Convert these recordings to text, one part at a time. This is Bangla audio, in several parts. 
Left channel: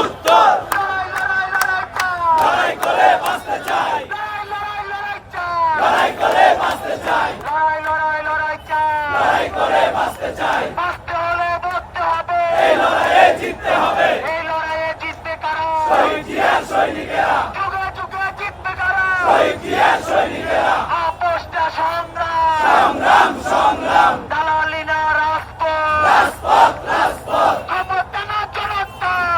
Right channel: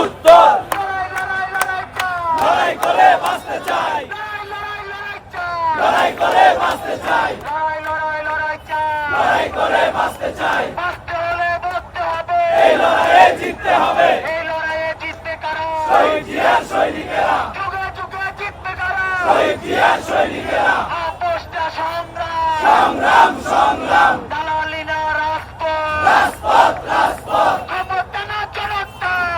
উত্তর লড়াই করে বাঁচতে চাই, লড়াই করে বাঁচতে চাই, লড়াই করে বাঁচতে চাই। এই লড়াইয়ে জিততে হবে, শহীদ জিয়ার সৈনিকেরা, শহীদ জিয়ার সৈনিকেরা। সংগ্রাম সংগ্রাম, রাজপথ রাজপথ,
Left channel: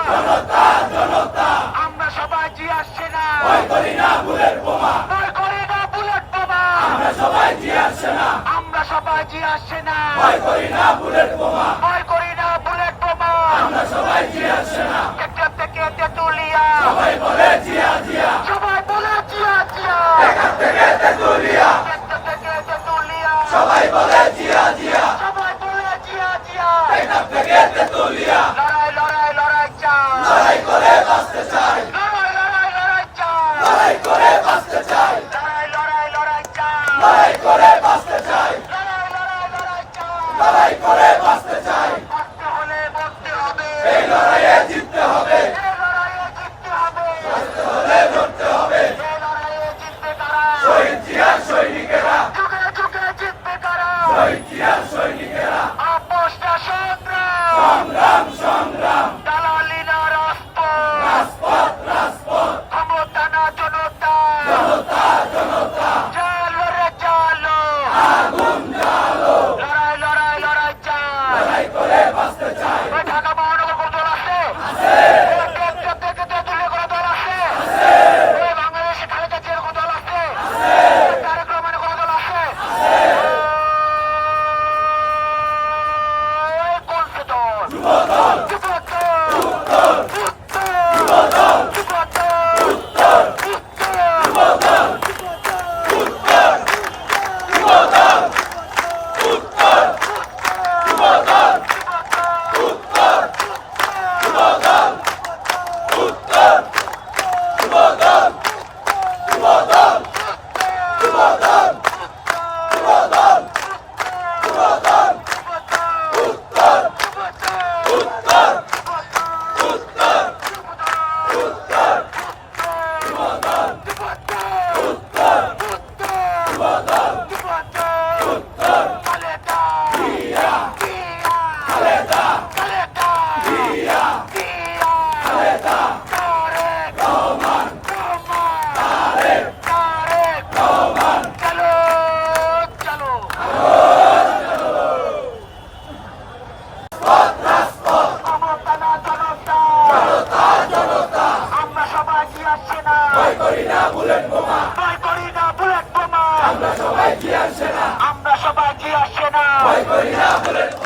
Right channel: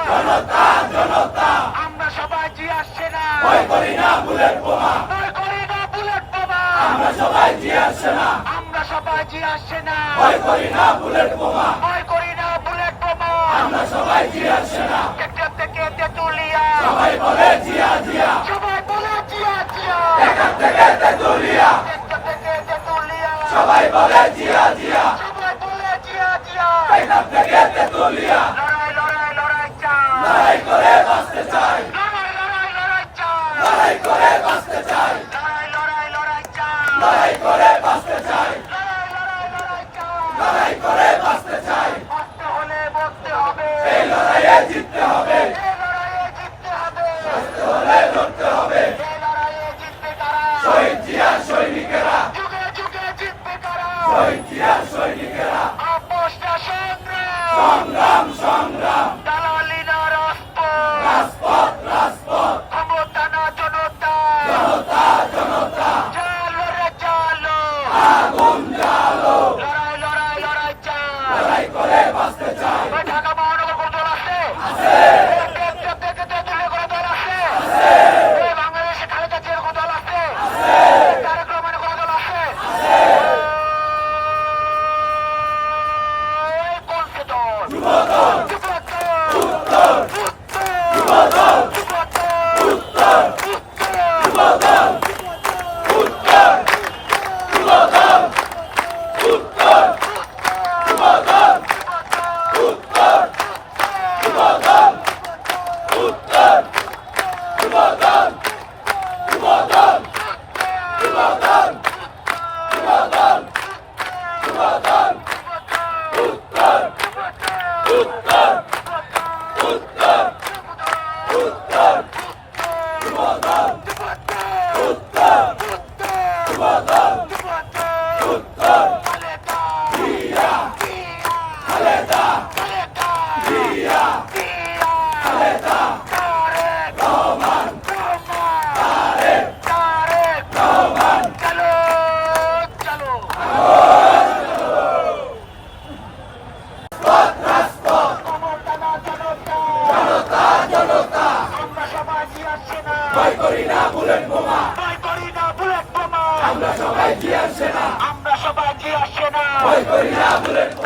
জনতা জনতা। আমরা সবাই জিয়ার সেনা, ভয় করি না বুলেট বোমা, ভয় করি না বুলেট বোমা। আমরা সবাই জিয়ার সেনা, আমরা সবাই জিয়ার সেনা, ভয় করি না বুলেট বোমা, ভয় করি না বুলেট বোমা। আমরা সবাই জিয়ার সেনা। টেকনাফ থেকে তেতুলিয়া, সবাই বলে জিয়া জিয়া, সবাই বলে জিয়া জিয়া। টেকনাফ থেকে তেতুলিয়া, টেকনাফ থেকে তেতুলিয়া, সবাই বলে জিয়া জিয়া, সবাই বলে জিয়া জিয়া। টেকনাফ থেকে তেতুলিয়া। লড়াই লড়াই লড়াই চাই, লড়াই করে বাঁচতে চাই, লড়াই লড়াই লড়াই চাই, লড়াই করে বাঁচতে চাই, লড়াই লড়াই লড়াই চাই, লড়াই করে বাঁচতে চাই, লড়াই লড়াই লড়াই চাই। লড়াই করে বাঁচতে চাই। কষ্ট হলে বলতে হবে, এই লড়াইয়ে জিততে হবে, এই লড়াইয়ে জিততে হবে, হলে লড়তে হবে। এই লড়াইয়ে জিতবে কারা? শহীদ জিয়ার সৈনিকেরা, যুগে যুগে জিতবে কারা? শহীদ জিয়ার সৈনিকেরা। আপোষটা সংগ্রাম, সংগ্রাম সংগ্রাম, দালালি না রাজপথ, রাজপথ রাজপথ, ক্ষমতা না জনতা। জনতা জনতা। চলো রে চলো, আগুন জ্বালো, লড়াই লড়াই লড়াই চাই। লড়াই করে বাঁচতে চাই। ওই ঢাকা মহানগর কোন দল আছে? ওই টেকনাফ থেকে তেঁতুলিয়া কোন দল আছে? ওই বাংলাদেশে খালেদা জিয়ার কোন দল আছে? ওই তারেক রহমানের কোন দল আছে? ওই কোন সে দল? যুবদল, যুবদল, উত্তর, উত্তর, যুবদল, যুবদল, উত্তর, উত্তর, যুবদল, উত্তর, যুবদল, উত্তর, যুবদল, উত্তর, যুবদল, উত্তর, যুবদল, যুবদল, যুবদল, যুবদল, যুবদল, উত্তর, উত্তর, উত্তর, উত্তর, যুবদল, উত্তর, যুবদল, উত্তর, খালেদা, জিয়া, জিয়া, খালেদা, খালেদা, জিয়া, জিয়া, খালেদা, তারেক রহমান, রহমান, তারেক তারেক রহমান। চলো চলো। রাজপথ, ক্ষমতা না জনতা, জনতা জনতা। আমরা সবাই জিয়ার সেনা, ভয় করি না বুলেট বোমা, ভয় করি না বুলেট বোমা। আমরা সবাই জিয়ার সেনা, আমরা সবাই জিয়ার সেনা, ভয় করি না বুলেট বোমা।